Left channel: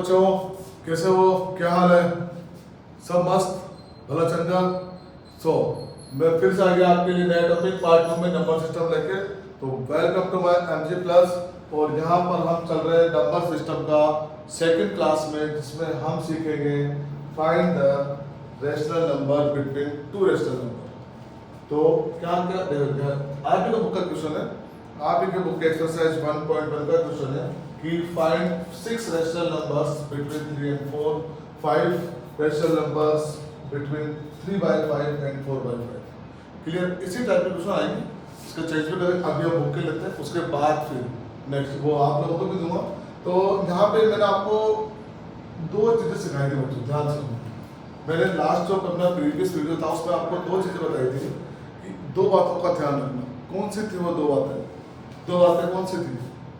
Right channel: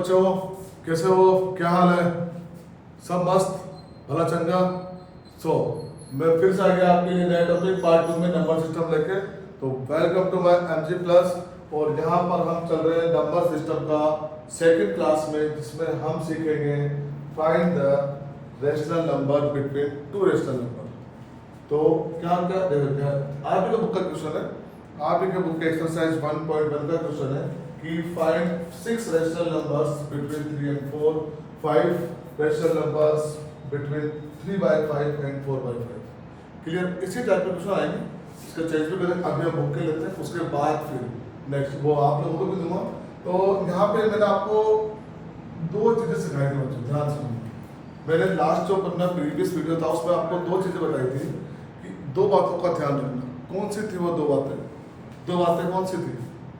बच्चों, कैसे हो? क्या हाल है? सब मस्त, भला चंगा। मैं फिर से आ गया आपके लिए नया टॉपिक पार्ट 2 में नंबर सिस्टम लेके। तो welcome to my MG plus. और यहाँ पर हम चल रहे हैं नंबर सिस्टम का सेकंड क्लास में, जिसमें हम सीखेंगे find the rational number between two rational number. तो क्या क्या देखो, आप ही का बुक का क्वेश्चन है, आप ही के बुक के एक्सरसाइज 1.1 का क्वेश्चन है कि find 6 rational numbers between 3 and 4, 5 rational numbers between 3/5 and 4/5। Clear? इसी टाइप के क्वेश्चन आएंगे, इसका चेंज भी करें। अभी हम बुक के लेते हैं, उसके बाद फिर नेक्स्ट वो आप लोगों को भी दूंगा। तो यहाँ पे मैंने आपको दो चीजें सिखाई थी बच्चों, ध्यान सुनो। मैंने लास्ट जो अपना प्रीवियस वीडियो था उसमें आपको दो चीजें बताई थी कि दो बातों का ध्यान रखना। कौन सी थी वो दो बातें? दो बातें कौन सी थी?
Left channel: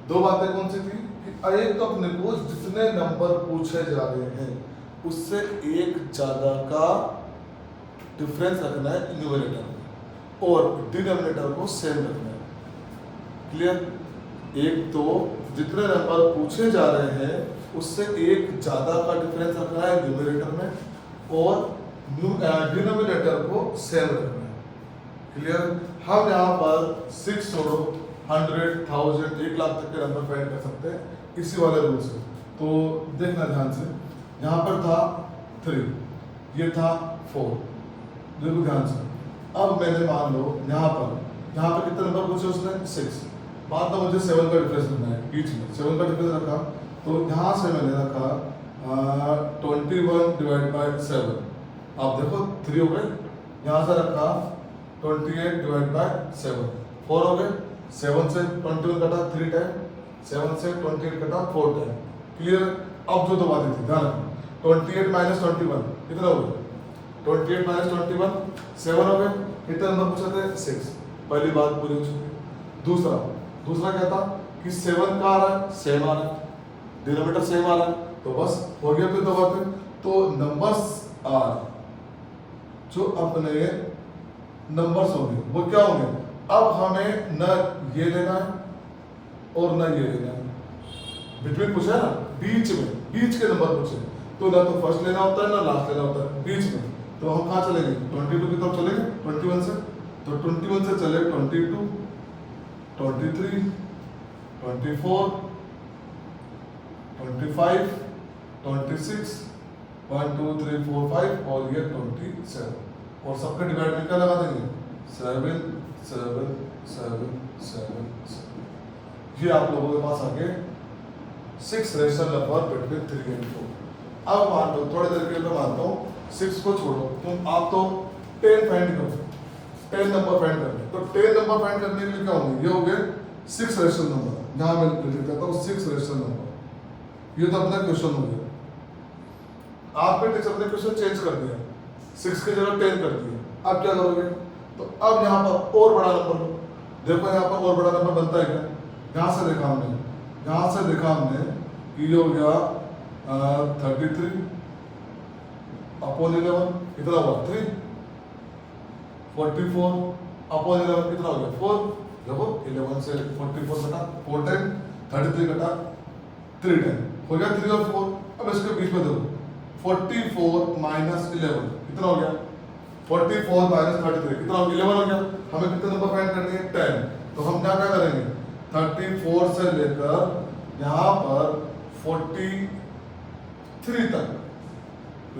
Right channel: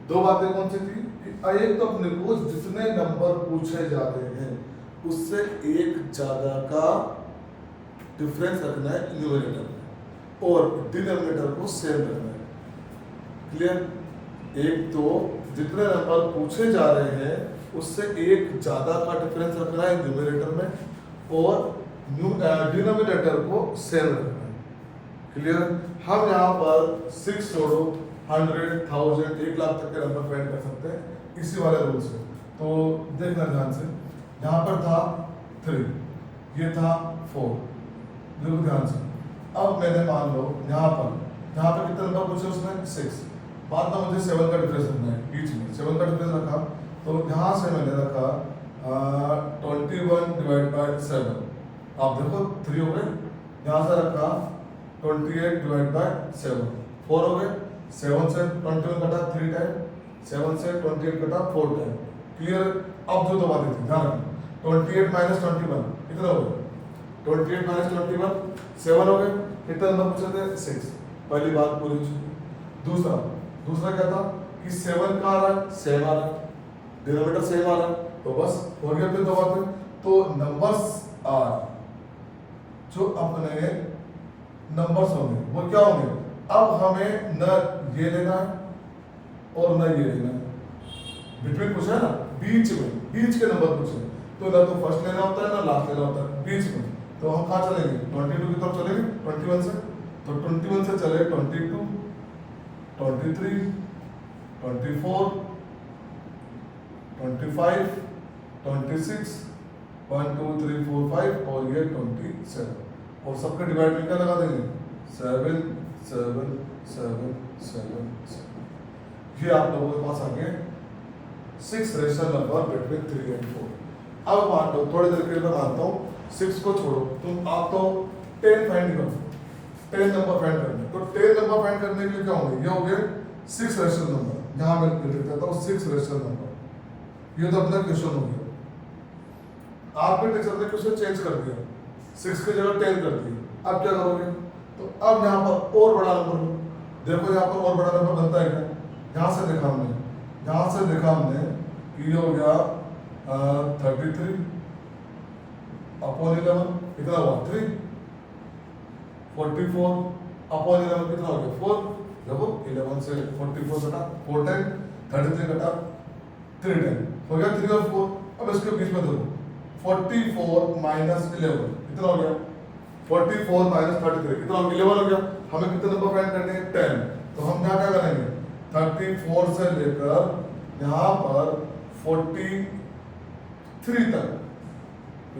दो बातें कौन सी थी कि एक तो अपने को जितने नंबर पूछे जा रहे हैं उससे एक ज्यादा का डिफरेंस रखना है न्यूमरेटर में, और डिनोमिनेटर को सेम रखना है। क्लियर? एक तो जितने नंबर पूछे जा रहे हैं उससे एक ज्यादा का डिफरेंस रखना है न्यूमरेटर में, और डिनोमिनेटर को सेम रखना है। क्लियर? हम यहाँ पर 6 छोड़ो 100, 1000, 1 लाख तक के नंबर फाइंड कर सकते हैं इसी वाले रूल से। तो देखना ध्यान से, यहाँ पर था 3, ये था 4, देखो ध्यान से। अब मैंने मान लो यहाँ पर कितने नंबर पूछे उसने? 6। बाद में मुझे 7 का डिफरेंस रखना है बीच में, 7 का डिफरेंस रखा। तो यहाँ से मैंने रखा 21/7। अब देखो 3 हो गए, यहाँ से रखा 28/7, 4 हो गए। 7 से 21 कटा 3 टाइम, 7 से 28 कटा 4 टाइम। क्लियर? अब जो दो बातें थी ध्यान रखना, 28 - 21 कितना हो गया? 28 - 21 7 हो गए। कितने नंबर पूछे थे? 6। पहली बात पूरी हो चुकी। दूसरा क्या था कि 7 का आ रहा है, सेम आ रहा है, डिनोमिनेटर सेम आ रहा है, तो बस हो गया फिर दो बातें। तो नंबर्स आर जो अपने नंबर्स होंगे वो क्या होंगे? अब हमें न ये लेना है और न ये लेना है। बिटवीन पूछा है ना, बीच के नंबर पूछे, तो ना तो फर्स्ट लेना होता है ना लास्ट लेना होता है, बीच में। तो हम कहाँ चलेंगे? 22 की तरफ चलेंगे 21 से। तो 21 से चले 22, 23, 24, 25, 26, 1 2 3 4 5 और ये 27। और सबका डिवाइड में क्या लगा देंगे? 7 7 7 7 7। ये आप लोगों के पास आगे 6 रेशनल नंबर बिटवीन 3 and 4। अब मान लो, थोड़ी देर के लिए मैं मानता हूँ 6 को छोड़ो, तुम आप तो 10 फाइंड करो, 10 नंबर फाइंड करने। तो 10 नंबर फाइंड करने के लिए क्या होंगे? ये हो गए 6 रेशनल नंबर। जहां मैं लिख देता हूँ 6 रेशनल नंबर। ये तो अपना क्वेश्चन हो गया। आपके टीचर ने क्वेश्चन चेंज कर दिया, 6 की जगह 10 कर दिया। अब क्या करोगे? तो अब यहाँ पर और बड़ा नंबर लो। देखो यहाँ पर और बड़ा नंबर बनता है क्या? यहाँ से देखा हमने कि ये हो गया 33 अपॉन 11 कितना हुआ? 3। 44 अपॉन 11 कितना हो गया? 4। देखो 11 से 44 कटा 4 टाइम, 33 कटा 3 टाइम, हो गया 3 और 4। अब इसके बीच में देखो 44 - 11 कितना हो गया? 44 - 33 कितना हो गया? 11 हो गया। हमें कितने नंबर फाइंड करने हैं? 10। तो हम क्या करेंगे? 34 से लेकर यहाँ पर 43 तक,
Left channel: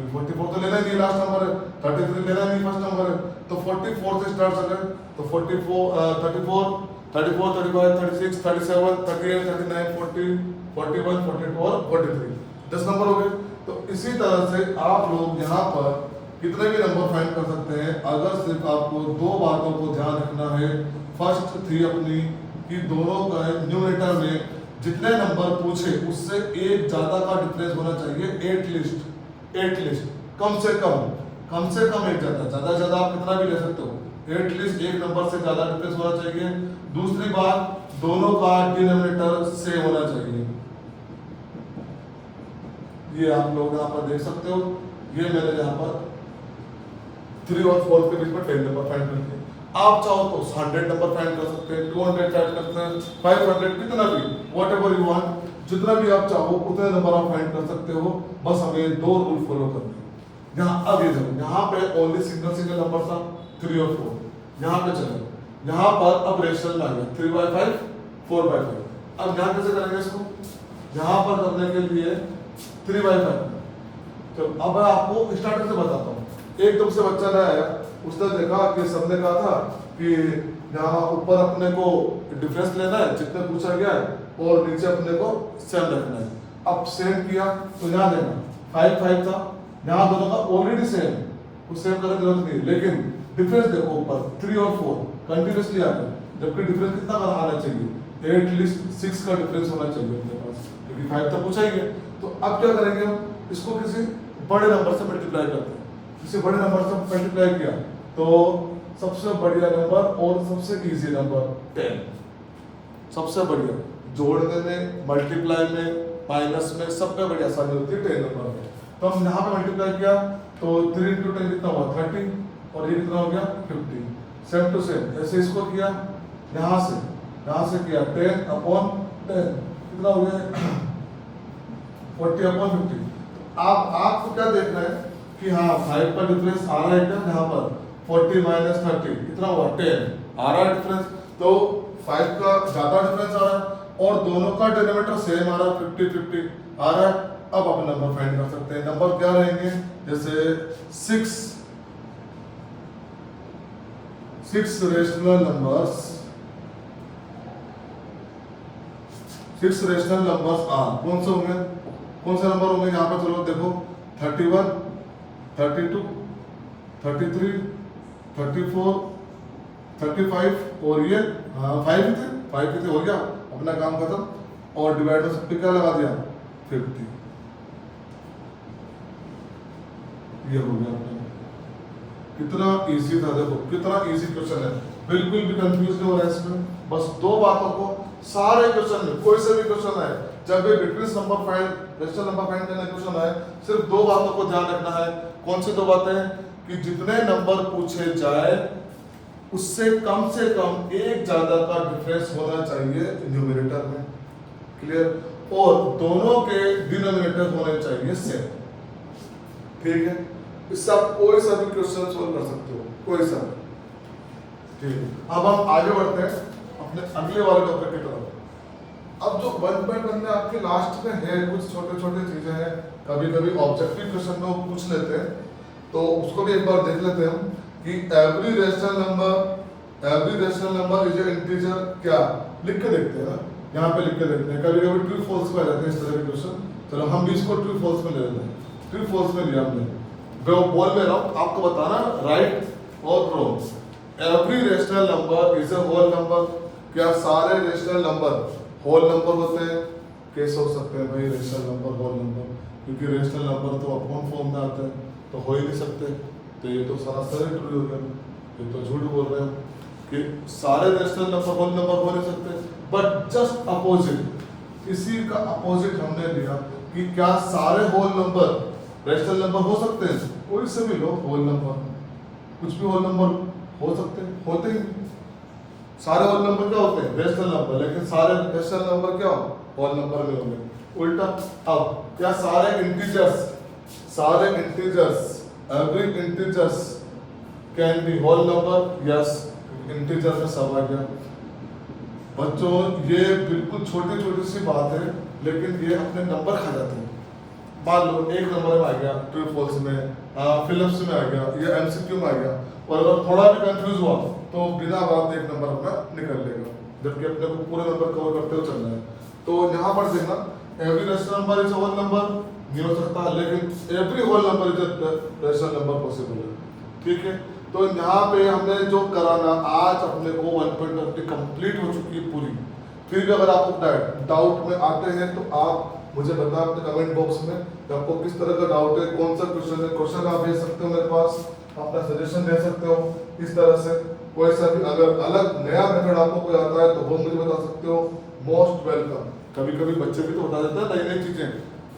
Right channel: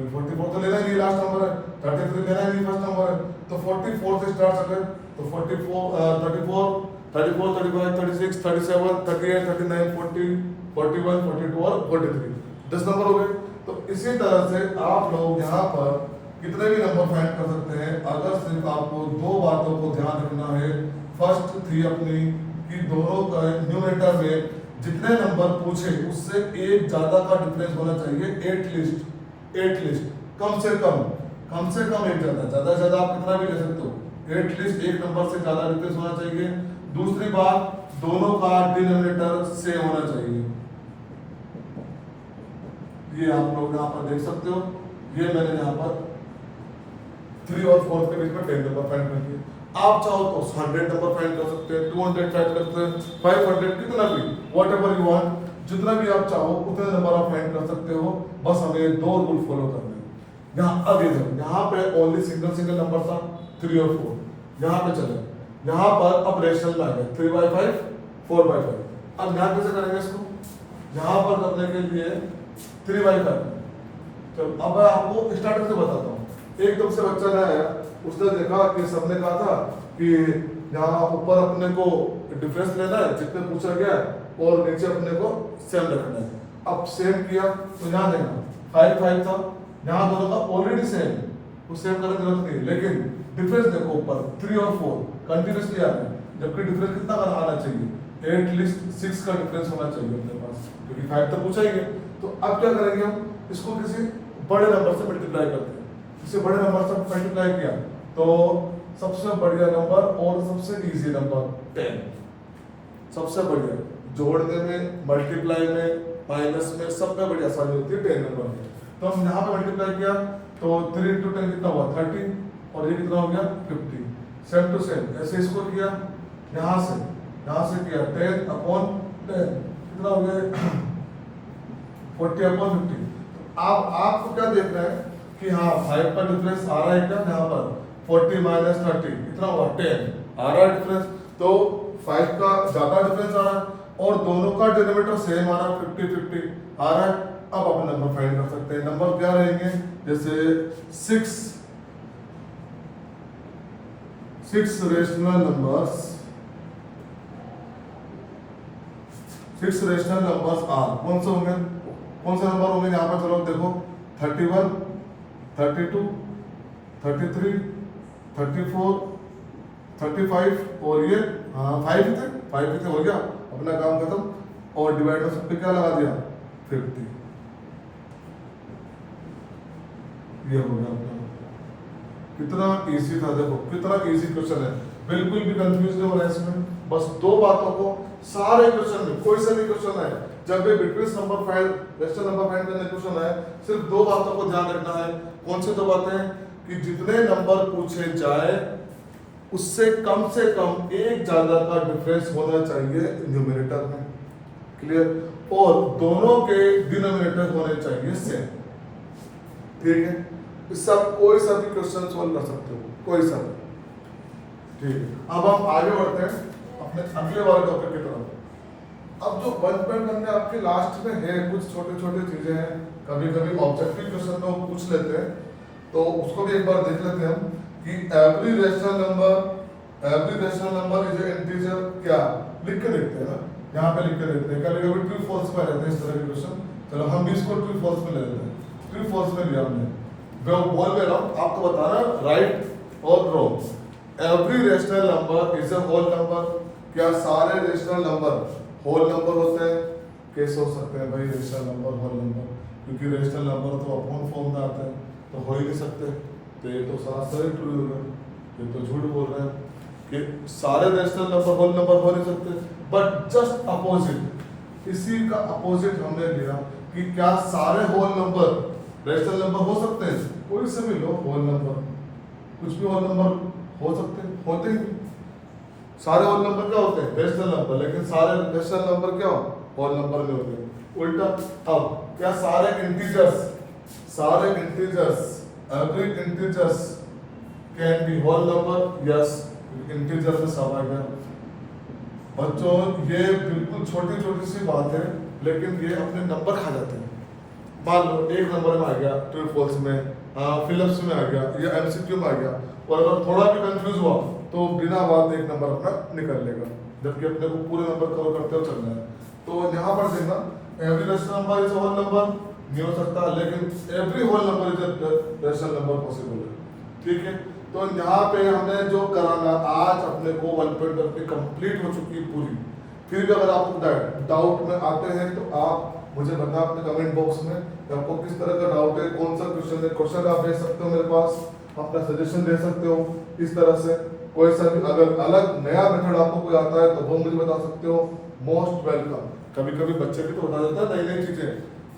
44 तो लेना ही नहीं, लास्ट नंबर है। 33 लेना ही नहीं, फर्स्ट नंबर है। तो 44 से स्टार्ट करें तो 34 34 35 36 37 38 39 40 41 42 और 43, 10 नंबर हो गए। तो इसी तरह से आप लोग यहाँ पर कितने भी नंबर फाइंड कर सकते हैं, अगर सिर्फ आपको दो बातों को ध्यान रखना है। फर्स्ट थी अपनी कि दोनों का न्यूमरेटर में जितने नंबर पूछे उससे एक ज्यादा का डिफरेंस होना चाहिए, एटलीस्ट कम से कम एक ज्यादा ज्यादा आप कितना भी ले सकते हो, एटलीस्ट एक नंबर से ज्यादा डिफरेंस होना चाहिए। दूसरी बात, दोनों का डिनोमिनेटर सेम होना चाहिए। ये आप लोग यहाँ पर देख सकते हो, ये मैंने यहाँ पर 3 और 4 के बीच में 10 नंबर फाइंड कर दिए। आप चाहो तो 100 नंबर फाइंड कर सकते हैं, 200 फाइंड कर सकते हैं, 500, कितना भी, व्हाटएवर यू वांट। जितना भी आप चाहो उतने नंबर आप फाइंड कर सकते हो, बस हमें 2 रूल फॉलो करने हैं। यहाँ अब ये देखो, यहाँ पे ओनली सिंगल नंबर था 3 और 4, यहाँ पे चले, यहाँ पर अब रेशनल आ गया 3/5 4/5। अब यहाँ कैसे करेंगे इसको, यहाँ पर करने के लिए 3/5। चलो अब मैं आपको स्टार्टिंग से बताता हूँ। एकदम से बच्चा ने आया, उसने देखा कि सबने कहा था कि यहाँ ऊपर अपने को डिफरेंस लेना है जितने पूछा गया है, और नीचे अपने को सेम रखना है। अब सेम किया तो यहाँ देखना 5 था, यहाँ दोनों का ऑलरेडी सेम, तो सेम करने की जरूरत नहीं, लेकिन डिफरेंस देखो ऊपर 3 और 4 कंटिन्यूसली आ गए, जबकि डिफरेंस कितना का आना चाहिए, एटलीस्ट 6 का डिफरेंस होना चाहिए अपने पास, क्योंकि 5 तो पूछा ही है। तो अब क्या करेंगे हम, इसको किसी बड़े नंबर से मल्टीप्लाई करते हैं। किसी बड़े नंबर से मल्टीप्लाई किया तो सबसे बढ़िया नंबर और सबसे इजी नंबर 10, सबसे बढ़िया जोड़ने में, मल्टीप्लाई में, माइनस में, सब में बड़ी आसानी होती है 10 नंबर में। तो हम यहाँ पे मल्टीप्लाई किया तो 3 × 10 कितना हुआ 30, और ये कितना हो गया 50। सेम टू सेम ऐसे इसको किया, यहाँ से किया 10/10 कितना हो गया 40/50। तो आपको क्या देखना है कि हाँ 5 का डिफरेंस आ रहा है क्या, यहाँ पर 40 - 30 कितना हुआ 10 आ रहा है डिफरेंस, तो 5 का ज्यादा डिफरेंस आ रहा है और दोनों का डिनोमिनेटर सेम आ रहा है 50-50 आ रहा है। अब अपन नंबर फाइंड कर सकते हैं। नंबर क्या रहेंगे, जैसे 6 rational numbers, 6 rational numbers are कौन से होंगे, कौन से नंबर होंगे यहाँ पर, चलो देखो 31 32 33 34 35 और ये 5 थे हो गया अपना काम खत्म, और डिवाइड में सब पे क्या लगा दिया 50, ये हो गया अपना। कितना इजी था, देखो कितना इजी क्वेश्चन है, बिल्कुल भी कंफ्यूज नहीं हो रहा है इसमें। बस 2 बातों को सारे क्वेश्चन में, कोई से भी क्वेश्चन है, जब भी difference number find, rational number find करने क्वेश्चन है, सिर्फ 2 बातों को ध्यान रखना है। कौन सी 2 बातें हैं, कि जितने नंबर पूछे जाए उससे कम एक ज्यादा का डिफरेंस होना चाहिए न्यूमरेटर में, क्लियर, और दोनों के डिनोमिनेटर होने चाहिए सेम, ठीक है। इससे आप कोई सा भी क्वेश्चन सॉल्व कर सकते हो, कोई सा, ठीक है। अब हम आगे बढ़ते हैं अपने अगले वाले टॉपिक की तरफ। अब जो 1 में आपके लास्ट में है, कुछ छोटे छोटे चीजें हैं, कभी कभी ऑब्जेक्टिव क्वेश्चन में वो पूछ लेते हैं, तो उसको भी एक बार देख लेते हैं हम कि every rational number is a integer, क्या लिख के देखते हैं ना, यहाँ पे लिख के देखते हैं। कभी कभी ट्रू फॉल्स में रहते हैं इस तरह के क्वेश्चन, चलो हम भी इसको ट्रू फॉल्स में ले लेते हैं। ट्रू फॉल्स में लिया हमने, वो बोल में रहा हूँ, आपको बताना राइट और wrong. Every rational number is a whole number, क्या सारे रेशनल नंबर होल नंबर होते हैं? कैसे हो सकते हैं भाई रेशनल नंबर होल नंबर, क्योंकि रेशनल नंबर तो अपॉन फॉर्म में आते हैं, तो हो ही नहीं सकते। तो ये तो सरासर ट्रू हो गया, ये तो झूठ बोल रहे हैं कि सारे रेशनल नंबर होल नंबर हो नहीं सकते। बट जस्ट अपोजिट, इसी का अपोजिट हमने लिया कि क्या सारे होल नंबर रेशनल नंबर हो सकते हैं? कोई से भी लो होल नंबर, कुछ भी होल नंबर हो सकते हैं, होते ही सारे होल नंबर क्या होते हैं? रेशनल नंबर, लेकिन सारे रेशनल नंबर क्या हो? होल नंबर में हो गए। उल्टा, अब क्या सारे integers every integers can be whole number? Yes, integer में सब आ गया। बच्चों ये बिल्कुल छोटी छोटी सी बात है, लेकिन ये अपने नंबर खा जाते हैं। मान लो एक नंबर में आ गया ट्रू फॉल्स में, फिलिप्स में आ गया, या एमसीक्यू में आ गया, और अगर थोड़ा भी कंफ्यूज हुआ तो बिना बात एक नंबर अपना निकल लेगा, जबकि अपने को पूरे नंबर कवर करते हुए चलना है। तो यहाँ पर देखना, every rational number is whole number नहीं हो सकता, लेकिन every whole number is rational number possible है, ठीक है। तो यहाँ पे हमने जो कराना, आज अपने को 1.1 कंप्लीट हो चुकी है पूरी। फिर भी अगर आपको डाउट में आते हैं तो आप मुझे बताना अपने कमेंट बॉक्स में कि आपको किस तरह का डाउट है, कौन सा क्वेश्चन है। क्वेश्चन आप भेज सकते हो मेरे पास, अपना सजेशन दे सकते हो इस तरह से। कोई सा भी अगर अलग नया मेथड आपको कोई आता है तो वो मुझे बता सकते हो, मोस्ट वेलकम। कभी कभी बच्चे भी तो बता देते हैं नई नई चीजें,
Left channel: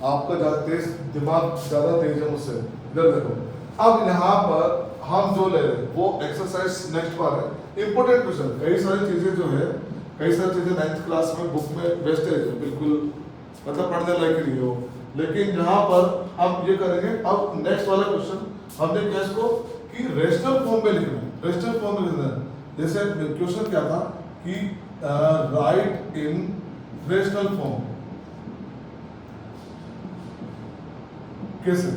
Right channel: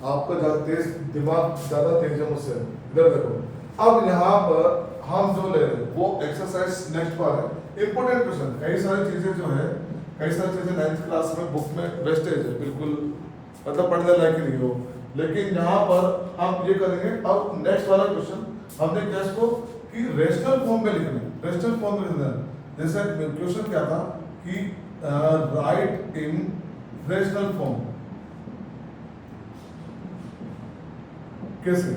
आपका ज्यादा तेज दिमाग, ज्यादा तेज है मुझसे। इधर देखो, अब यहाँ पर हम जो ले रहे हैं वो एक्सरसाइज नेक्स्ट बार है, इंपॉर्टेंट क्वेश्चन। कई सारी चीजें जो है, कई सारी चीजें 9th क्लास में बुक में वेस्टेज है, बिल्कुल मतलब पढ़ने लायक ही नहीं हो। लेकिन यहाँ पर हम ये करेंगे, अब नेक्स्ट वाला क्वेश्चन हमने क्या इसको कि रेशनल फॉर्म में लिखना है, रेशनल फॉर्म में लिखना है। जैसे क्वेश्चन क्या था कि राइट इन रेशनल फॉर्म, कैसे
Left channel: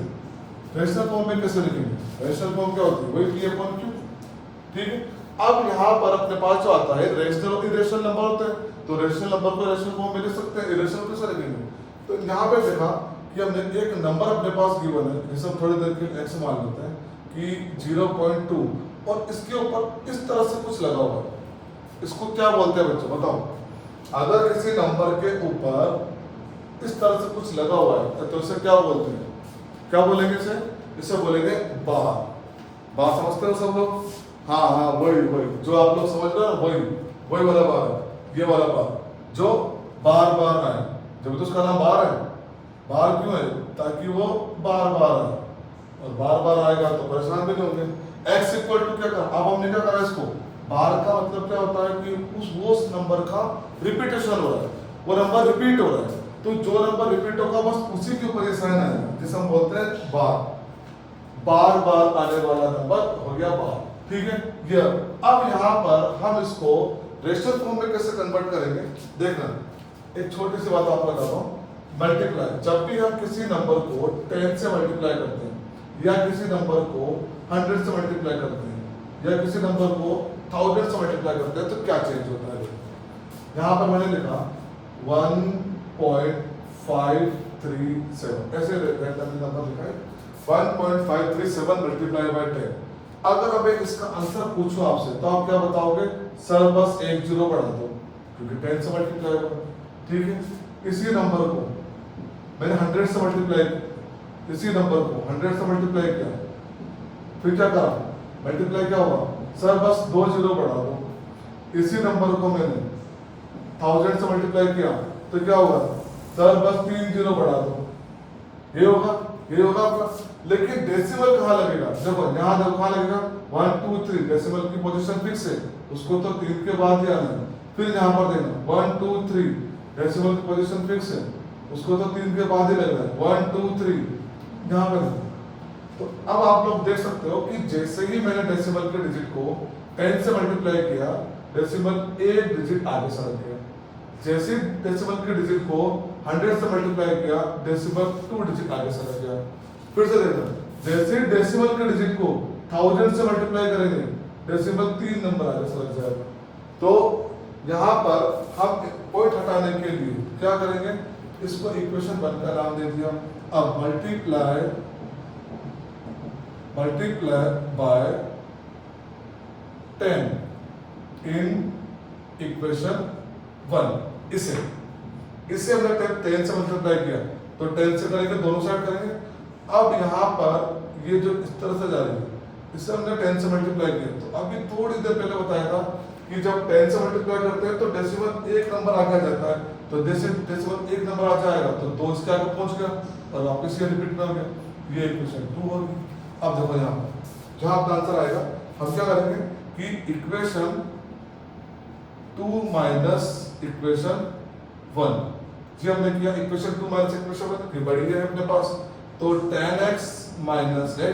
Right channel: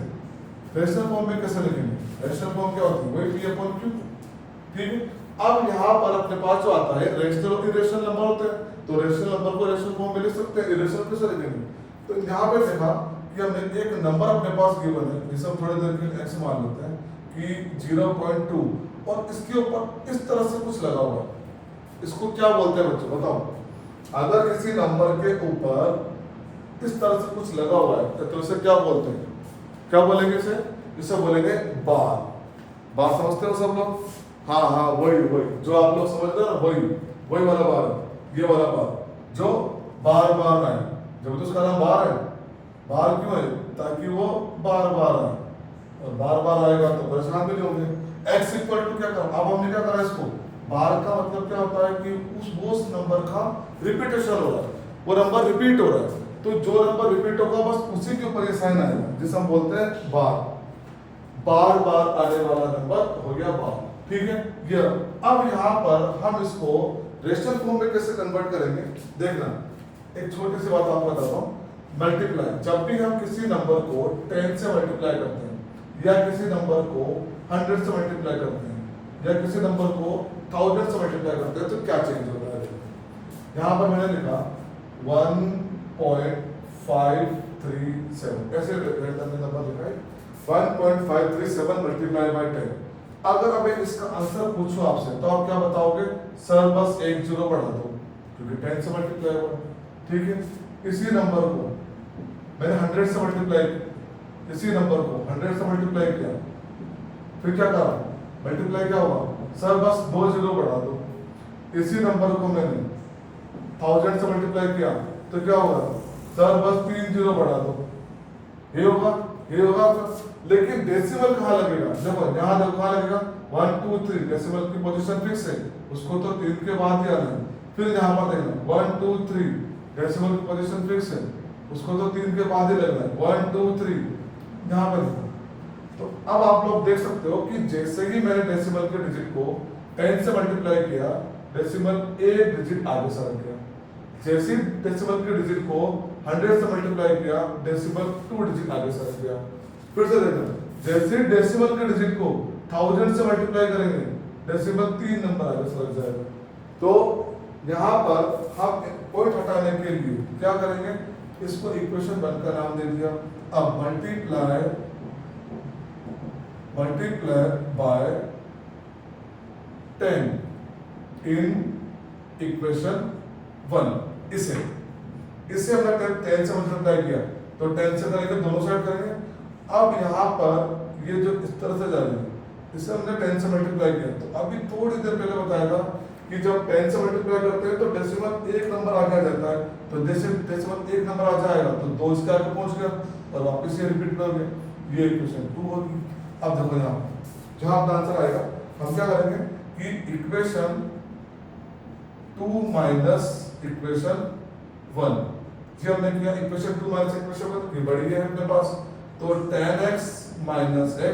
रेशनल फॉर्म में कैसे लिखेंगे? रेशनल फॉर्म क्या होती है? वही पी अपॉन क्यू, ठीक है। अब यहाँ पर अपने पास जो आता है रेशनल और इरेशनल नंबर होते हैं, तो रेशनल नंबर को रेशनल फॉर्म में लिख सकते हैं, इरेशनल कैसे लिखेंगे? तो यहाँ पे देखा कि हमने एक नंबर अपने पास गिवन है, जिसे हम थोड़ी देर के लिए x मान लेते हैं कि 0.2, और इसके ऊपर इस तरह से कुछ लगा हुआ है। इसको क्या बोलते हैं बच्चों बताओ? अगर किसी नंबर के ऊपर इस तरह से कुछ लगा हुआ है तो इसे क्या बोलते हैं? क्या बोलेंगे इसे? इसे बोलेंगे बार। बार समझते हो सब लोग? हाँ हाँ, वही वही जो आप लोग समझ रहे हो, वही वाला बार है, ये वाला बार जो बार बार आए। जब तो उसका नाम बार है, बार क्यों है? ताकि वो बार बार आए, और बार बार आएगा तो परेशान भी नहीं होंगे। x इक्वल टू क्या करा? अब हमने क्या करा इसको? बार का मतलब क्या होता है कि उस नंबर का रिपीटेशन हो रहा है, वो नंबर रिपीट हो रहा है, तो जो नंबर रिपीट होगा बस उसी के ऊपर ये साइन आएगा, जिसे हम बोलते हैं बार। बार बार आने वाला नंबर हो गया बार, ठीक है। ये अब यहाँ पर हम इसको रेशनल फॉर्म में कैसे कन्वर्ट करेंगे देखना। एक छोटी सी बात आपको बताता हूँ, मल्टीप्लाई। जब भी हम किसी नंबर को 10 से मल्टीप्लाई करते हैं, या किसी नंबर को 100 से मल्टीप्लाई करते हैं, या किसी नंबर को 1000 से मल्टीप्लाई करते हैं, तो क्या चेंज होता है? यहाँ पर मैंने लिखा 1.537, ऐसे रैंडमली नंबर लिखा है 1.537 मल्टीप्लाई बाय 10। अगर हमें इसका आंसर पूछो आपसे तो आप क्या बताओगे? सर बस एक जीरो बढ़ा दो, क्योंकि 10 से मल्टीप्लाई हुआ, ठीक है। इसी नंबर को मैंने 100 से मल्टीप्लाई किया, इसी नंबर को 100 से मल्टीप्लाई किया, फिर क्या करा? मल्टीप्लाई क्या हुआ? सर बस 2 जीरो बढ़ा दो। इसी नंबर को मैंने 1000 से मल्टीप्लाई किया तो क्या हुआ? सर बस 3 जीरो बढ़ा दो। ये होगा आपका। लेकिन डेसिमल कहाँ लगेगा? देखो यहाँ देखो कहाँ लगेगा? 1 2 3, डेसिमल की पोजीशन फिक्स है, उसको तो 3 के बाद ही आना है। फिर यहाँ पर देखना 1 2 3, डेसिमल की पोजीशन फिक्स है, उसको तो 3 के बाद ही लगना है। 1 2 3 यहाँ पर देखो। तो अब आप लोग देख सकते हो कि जैसे ही मैंने डेसिमल के डिजिट को 10 से मल्टीप्लाई किया, डेसिमल एक डिजिट आगे सरक गया। जैसे ही डेसिमल के डिजिट को 100 से मल्टीप्लाई किया, डेसिमल 2 डिजिट आगे सरक गया। फिर से देखना, जैसे डेसिमल के डिजिट को 1000 से मल्टीप्लाई करेंगे, डेसिमल 3 नंबर आगे सरक जाएगा। तो यहाँ पर हम पॉइंट हटाने के लिए क्या करेंगे? इसको इक्वेशन 1 का नाम दे दिया। अब मल्टीप्लाई बाय 10 इन इक्वेशन 1। इसे हमने 10 से मल्टीप्लाई किया, तो 10 से करेंगे, दोनों साइड करेंगे। अब यहाँ पर ये जो इस तरह से जा रही है, इसे हमने 10 से मल्टीप्लाई किया। तो अभी थोड़ी देर पहले बताया था कि जब 10 से मल्टीप्लाई करते हैं तो डेसिमल एक नंबर आगे जाता है, तो जैसे डेसिमल एक नंबर आ जाएगा तो 2 इसके आगे पहुंच गया और वापस ये रिपीट कर गए। ये इक्वेशन 2 होगी। अब देखो यहाँ जहाँ आपका आंसर आएगा, हम क्या करेंगे कि इक्वेशन 2 माइनस इक्वेशन 1, जी हमने किया इक्वेशन 2 माइनस इक्वेशन 1, ये बढ़ी है अपने पास। तो 10x minus x,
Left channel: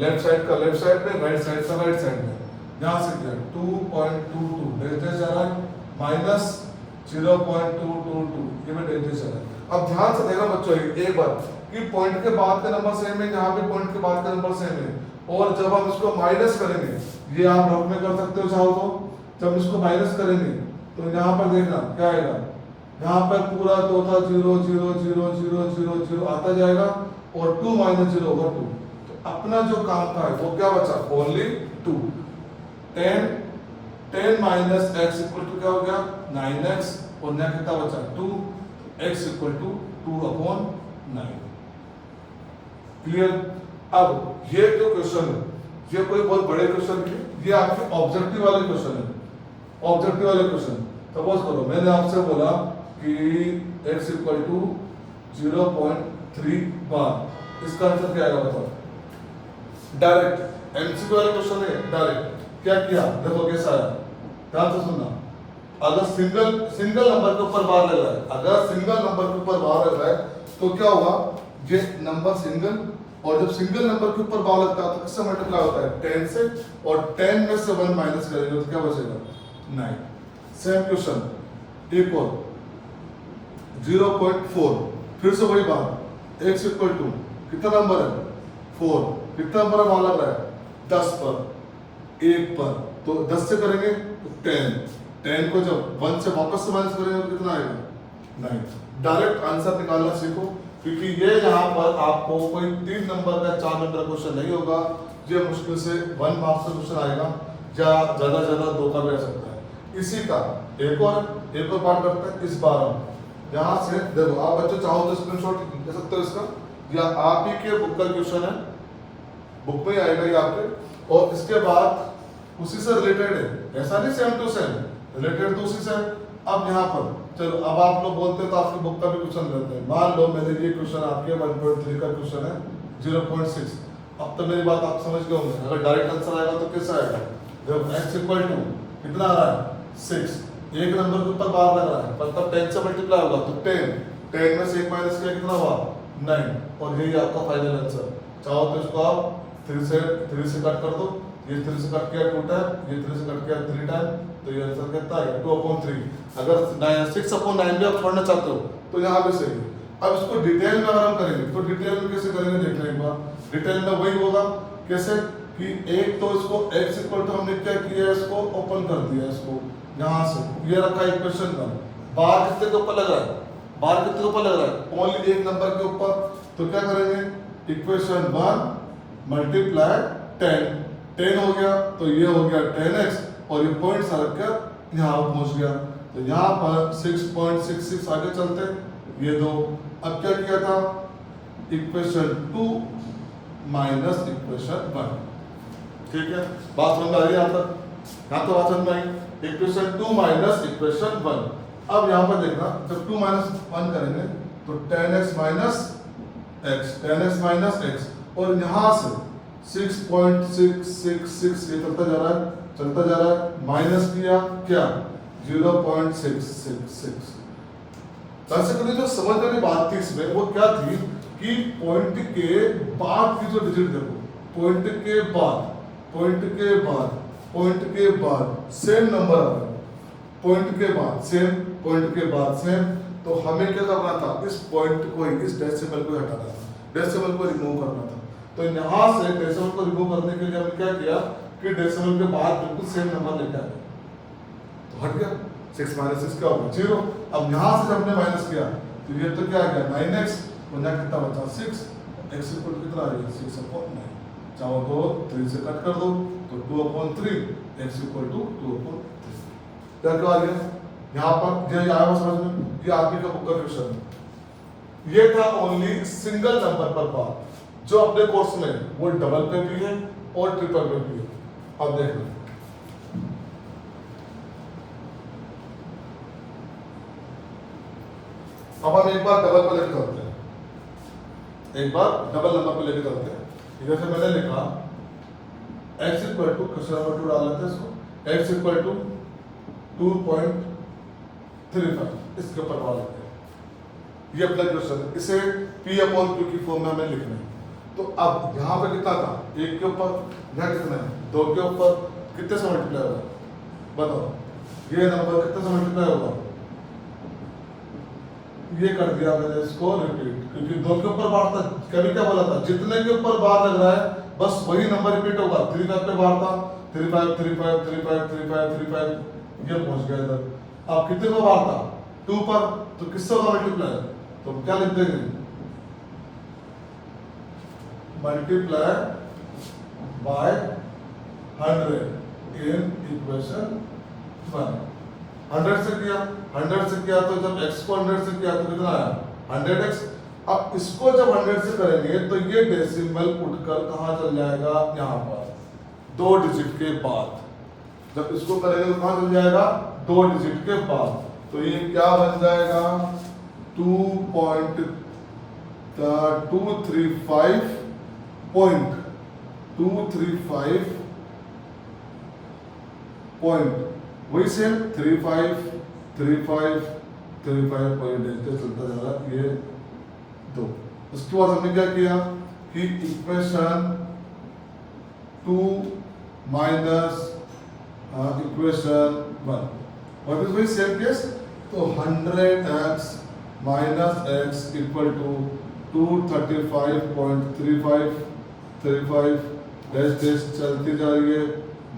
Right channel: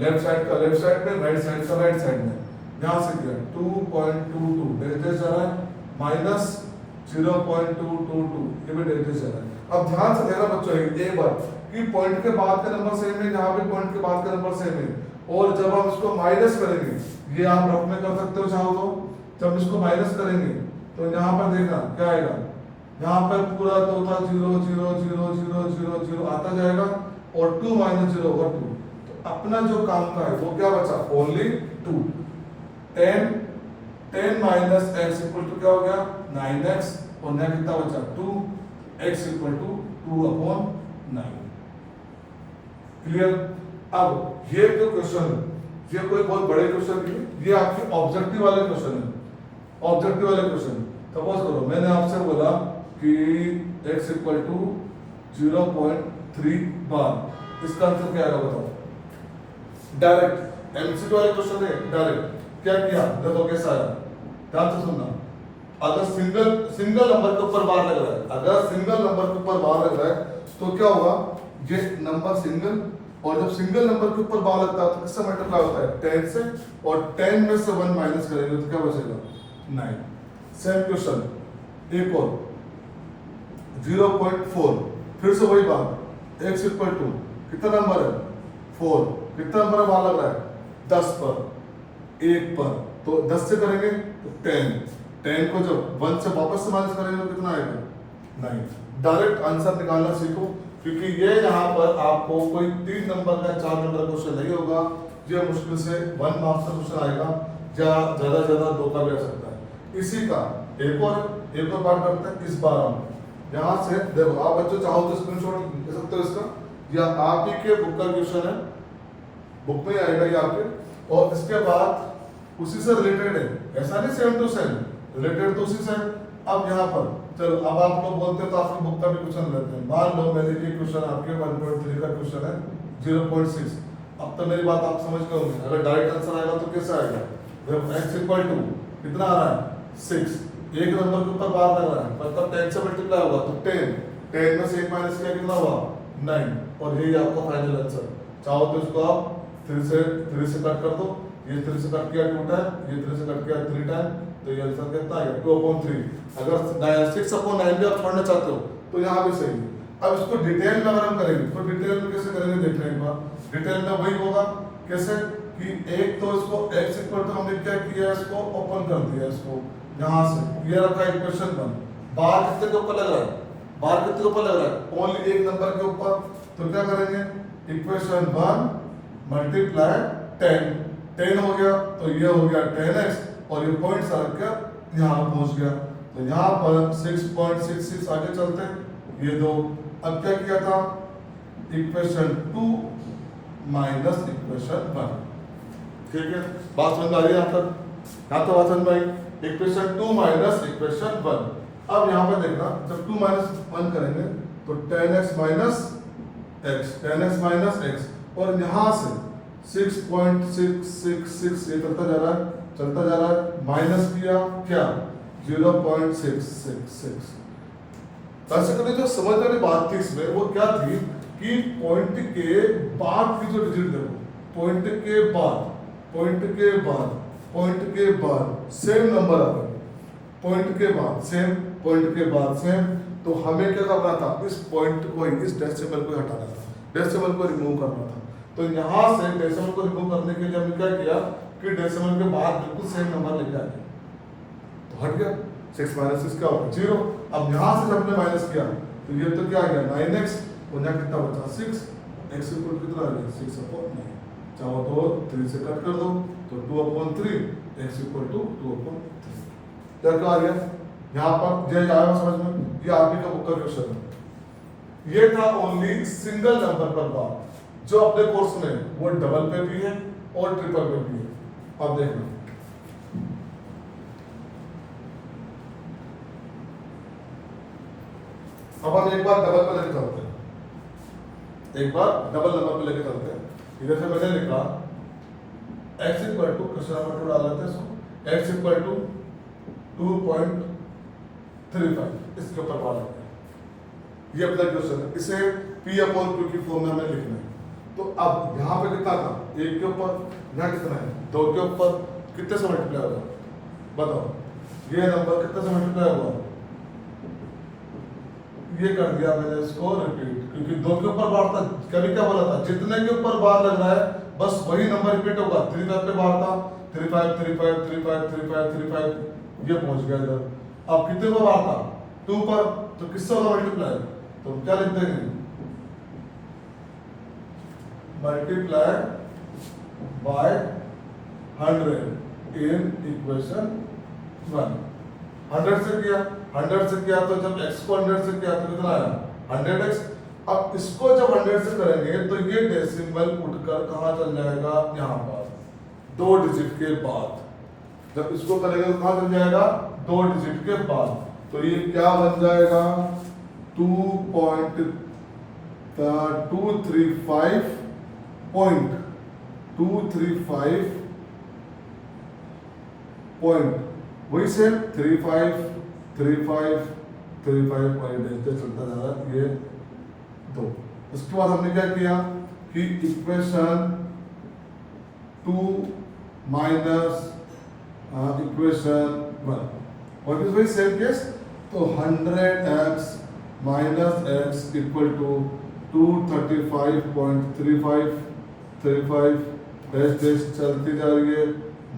left side का लेफ्ट साइड में, राइट साइड का राइट साइड में, यहां से किया 2.22 डेल्टा जा रहा है, माइनस 0.222, ये भी डेल्टा जा रहा है। अब ध्यान से देखना बच्चों एक बार कि पॉइंट के बाद का नंबर सेम है, यहाँ पे पॉइंट के बाद का नंबर सेम है, और जब हम इसको माइनस करेंगे, ये आप रफ में कर सकते हो चाहो तो, जब इसको माइनस करेंगे तो यहाँ पर देखना क्या आएगा, यहाँ पर पूरा तो था 0 0 0 0 0 0 आता जाएगा, और 2 माइनस 0 होगा 2। तो अपना जो काम का है वो क्या बचा? Only 2। 10 minus x equal to क्या हो गया? 9x, और यहाँ कितना बचा? 2, x इक्वल टू 2/9। क्लियर? अब ये जो क्वेश्चन है, ये कोई बहुत बड़े क्वेश्चन नहीं है, ये आपके ऑब्जेक्टिव वाले क्वेश्चन है। ऑब्जेक्टिव वाले क्वेश्चन सपोज करो मैंने आपसे बोला कि x इक्वल टू 0.3 बार, इसका आंसर क्या आएगा बताओ? डायरेक्ट एमसीक्यू वाले क्वेश्चन है, डायरेक्ट क्या किया देखो कैसा आया, ध्यान से सुनना। अगर सिंगल नंबर के ऊपर बार लग रहा है, अगर सिंगल नंबर के ऊपर बार लग रहा है तो क्या होगा, ये नंबर सिंगल, और जब सिंगल नंबर के ऊपर बार लगता है तो किससे मल्टीप्लाई होता है, 10 से, और 10 में से 1 माइनस करेंगे तो क्या बचेगा, 9। सेम क्वेश्चन एक और 0.4, फिर से वही बात, x इक्वल टू कितना नंबर है, 4, कितना नंबर बार लग रहा है, 10 पर, 1 पर, तो 10 से करेंगे तो 10 को जब 1 से वापस से माइनस करेंगे तो कितना आएगा, 9। डायरेक्ट आंसर निकालना सीखो, क्योंकि ये यहाँ पर आपको कोई 3 नंबर का 4 नंबर का क्वेश्चन नहीं होगा, ये मुश्किल से 1 मार्क्स का क्वेश्चन आएगा, या ज्यादा 2 का भी आ सकता है। इसी का एक और बात करते हैं, इस बार हम यहाँ से देखो, आप बच्चों चाहो तो स्क्रीनशॉट ले सकते हो इसका, या आप ही के बुक का क्वेश्चन है, बुक में आएगा ये आपके, और इसके बाद उसी से रिलेटेड है, ऐसा नहीं सेम टू सेम, रिलेटेड तो उसी से। अब यहाँ पर चलो, अब आप लोग बोलते हैं तो आपकी बुक का भी क्वेश्चन लेते हैं। मान लो मैंने ये क्वेश्चन आपके 1.3 का क्वेश्चन है 0.6। अब तो मेरी बात आप समझ गए होंगे, अगर डायरेक्ट आंसर आएगा तो कैसा आएगा, जब x इक्वल टू कितना आ रहा है, 6, एक नंबर के ऊपर बार लग रहा है, मतलब 10 से मल्टीप्लाई होगा तो 10 में से 1 माइनस किया कितना हुआ, 9, और यही आपका फाइनल आंसर। चाहो तो इसको आप 3 से कट कर दो, ये 3 से कट किया 2 टाइम, ये 3 से कट किया 3 टाइम, तो ये आंसर कितना आएगा, 2/3। अगर 6/9 भी आप छोड़ना चाहते हो तो यहाँ भी सही है। अब इसको डिटेल में अगर हम करेंगे तो डिटेल में कैसे करेंगे देखना एक बार। डिटेल में वही होगा, कैसे कि एक तो इसको x इक्वल टू हमने क्या किया, इसको ओपन कर दिया, इसको यहाँ से ये रखा इक्वेशन का, बार कितने के ऊपर लग रहा है, बार कितने के ऊपर लग रहा है, ओनली एक नंबर के ऊपर। तो क्या करेंगे, इक्वेशन 1 मल्टीप्लाई 10 हो गया, तो ये हो गया 10x, और ये पॉइंट रख कर यहाँ पहुंच गया, तो यहाँ पर 6.66 आगे चलते ये दो। अब क्या किया था, इक्वेशन 2 माइनस इक्वेशन 1, ठीक है, बात समझ में आ रही है यहाँ तक, यहाँ तो बात समझ में आई। Equation 2 minus equation 1। अब यहाँ पर देखना, जब 2 माइनस 1 करेंगे तो 10x माइनस x, और यहाँ से 6.666 ये चलता जा रहा है, माइनस किया क्या, 0.666। बेसिकली जो समझ वाली बात थी इसमें वो क्या थी कि पॉइंट के बाद की जो डिजिट देखो, पॉइंट के बाद सेम नंबर आ गए, पॉइंट के बाद सेम, तो हमें क्या करना था, इस पॉइंट को ही, इस डेसिमल को हटाना था, डेसिमल को रिमूव करना था। तो यहाँ से डेसिमल को रिमूव करने के लिए हमने क्या किया कि डेसिमल के बाद बिल्कुल सेम नंबर लेके आ गए, तो हट गया, 6 माइनस 6 क्या होगा, 0। अब यहाँ से जब हमने माइनस किया तो ये तो क्या आ गया 9x, और यहाँ कितना बचा 6, x इक्वल टू कितना आ गया 6/9। चाहो तो 3 से कट कर दो तो 2/3, x इक्वल टू 2/3। क्या आ गया यहाँ पर, ये आया समझ में, ये आगे का बुक का क्वेश्चन है। ये था ओनली सिंगल नंबर पर बात, जो अपने कोर्स में वो डबल पे भी है और ट्रिपल पे भी है। अब देखो, अब हम एक बार डबल पे लेके चलते हैं, एक बार डबल नंबर पे लेके चलते हैं। इधर से मैंने लिखा x equal to, question number 2 डाल लेते हैं इसको, x इक्वल टू 2.35, इसके ऊपर बात लेते हैं। ये अपना क्वेश्चन है, इसे p/q की फॉर्म में हमें लिखना है। तो अब यहाँ पे कितना था, 1 के ऊपर, यहाँ कितना है 2 के ऊपर, कितने से मल्टीप्लाई होगा बताओ, ये नंबर कितने से मल्टीप्लाई होगा, ये कर दिया मैंने इसको रिपीट, क्योंकि 2 के ऊपर बार था, कभी क्या बोला था, जितने के ऊपर बार लग रहा है बस वही नंबर रिपीट होगा। 35 पे बार था, 35 ये पहुंच गया इधर। अब कितने को बार था, 2 पर, तो किससे होगा मल्टीप्लाई, तो क्या लिख देंगे, मल्टीप्लाई बाय 100 इन इक्वेशन 1। 100 से किया तो जब x को 100 से किया तो कितना आया 100x। अब इसको जब 100 से करेंगे तो ये डेसिमल उठकर कहाँ चल जाएगा, यहाँ पर 2 डिजिट के बाद। जब इसको करेंगे तो कहाँ चल जाएगा, 2 डिजिट के बाद। तो ये क्या बन जाएगा 2.235.235 वही सेम 3 5 3 5 3 5 और ये चलता जा रहा है, ये दो। उसके बाद हमने क्या किया कि इक्वेशन 2 माइनस इक्वेशन 1 और वही सेम केस, तो 100x minus x equal to 235.35 dash चलती जा रही है,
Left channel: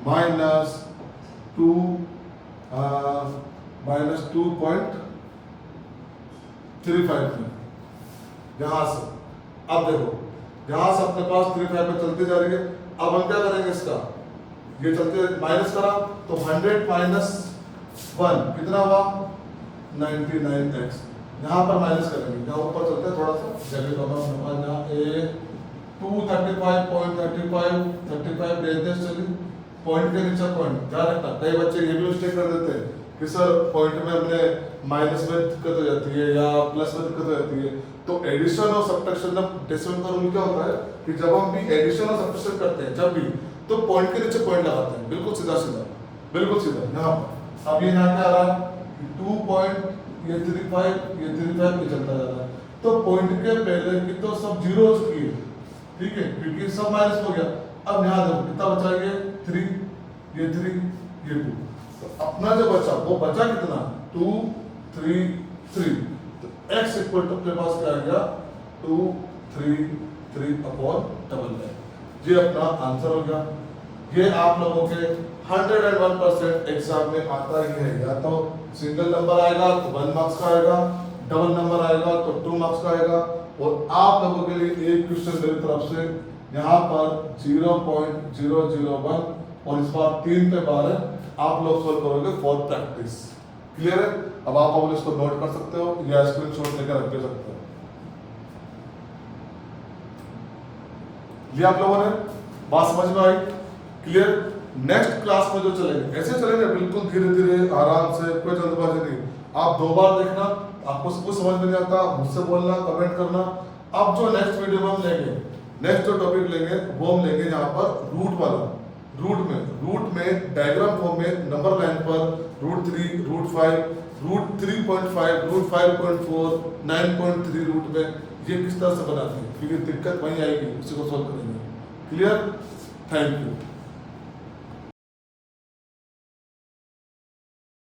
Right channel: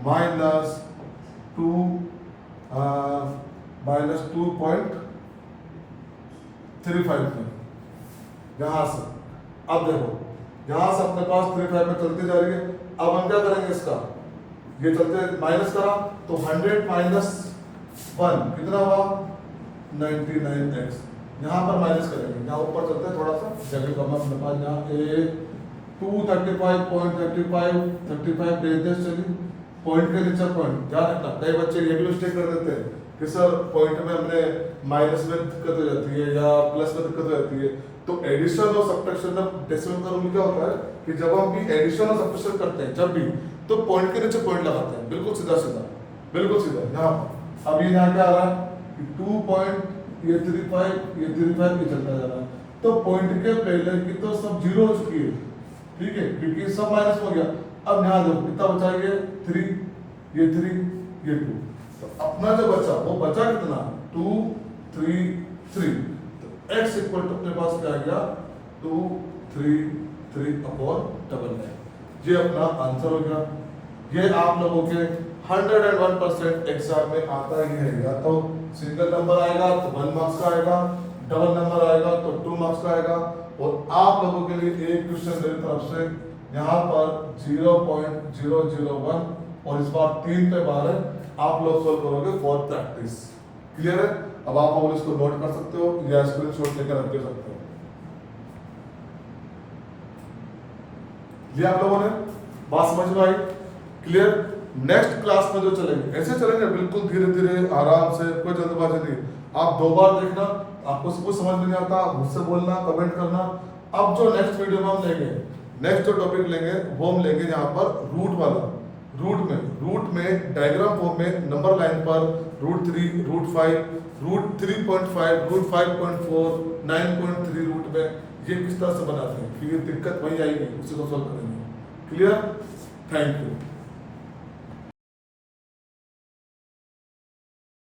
माइनस 2.35 में यहाँ से। अब देखो यहाँ से अपने पास 35 में चलती जा रही है। अब हम क्या करेंगे, इसका ये चलते माइनस करा तो 100 माइनस 1 कितना हुआ 99x। यहाँ पर माइनस करेंगे, यहाँ ऊपर चलते हैं थोड़ा सा जगह कम है अपने पास। यहाँ 235.35 डेज चली, पॉइंट के नीचे पॉइंट ध्यान रखना। कई बच्चे ये भी मिस्टेक कर देते हैं कि सर पॉइंट में हमने माइनस में दिक्कत हो जाती है या प्लस में दिक्कत हो जाती है। तो एडिशन और सब्ट्रैक्शन डेसिमल का रूल क्या होता है कि जब हम भी एडिशन और सब्ट्रैक्शन करते हैं जब भी, तो पॉइंट के नीचे पॉइंट लगाते हैं, बिल्कुल सीधा सीधा, बिल्कुल सीधा यहाँ पर। अब ये यहाँ क्या आ रहा है कि 2.35 ये 35 ये चलता जा रहा है, तो पॉइंट के पहले की तो सब जीरो हो चुकी है, ठीक है, क्योंकि सब माइनस हो गया। अब यहाँ देखो कितना बचा, ये 3 ये 3 ये 2, तो अपना जो बचा वो बचा कितना 2 3 3, तो x इक्वल टू अपने पास क्या आ गया 2 3 3/99। ये अपना आंसर हो गया। ये आप लोगों के 101% एग्जाम में आता ही है। या तो सिंगल नंबर आएगा तो 1 मार्क्स का आएगा, डबल नंबर आएगा तो 2 मार्क्स का आएगा। और आप लोगों के लिए एक क्वेश्चन मेरी तरफ से यहाँ पर 0.001 और इस बार 3 पे 12 आप लोग सोल्व करोगे फॉर प्रैक्टिस। क्लियर है? अब आप अपने इसको नोट कर सकते हो या स्क्रीनशॉट लेकर रख सकते हो। ये आप लोगों ने बात समझ में आई? क्लियर? नेक्स्ट क्लास में जो चलेंगे ऐसे चलेंगे, बिल्कुल धीरे धीरे आराम से, कोई जल्दबाजी नहीं। आप 2 बार देखना, आपको सब कुछ समझ में नहीं आता मुझसे बोलना, कमेंट करना। अब जो नेक्स्ट वीडियो में हम लेंगे, नेक्स्ट जो टॉपिक लेंगे वो हम लेंगे यहाँ पर रूट वाला। रूट में डायग्राम फॉर्म में नंबर लाइन पर √3 √5 √3.5 √5.4 9.3 रूट में ये किस तरह से बनाते हैं, क्योंकि दिक्कत वहीं आएगी, उसी को सॉल्व करेंगे। क्लियर? Thank you.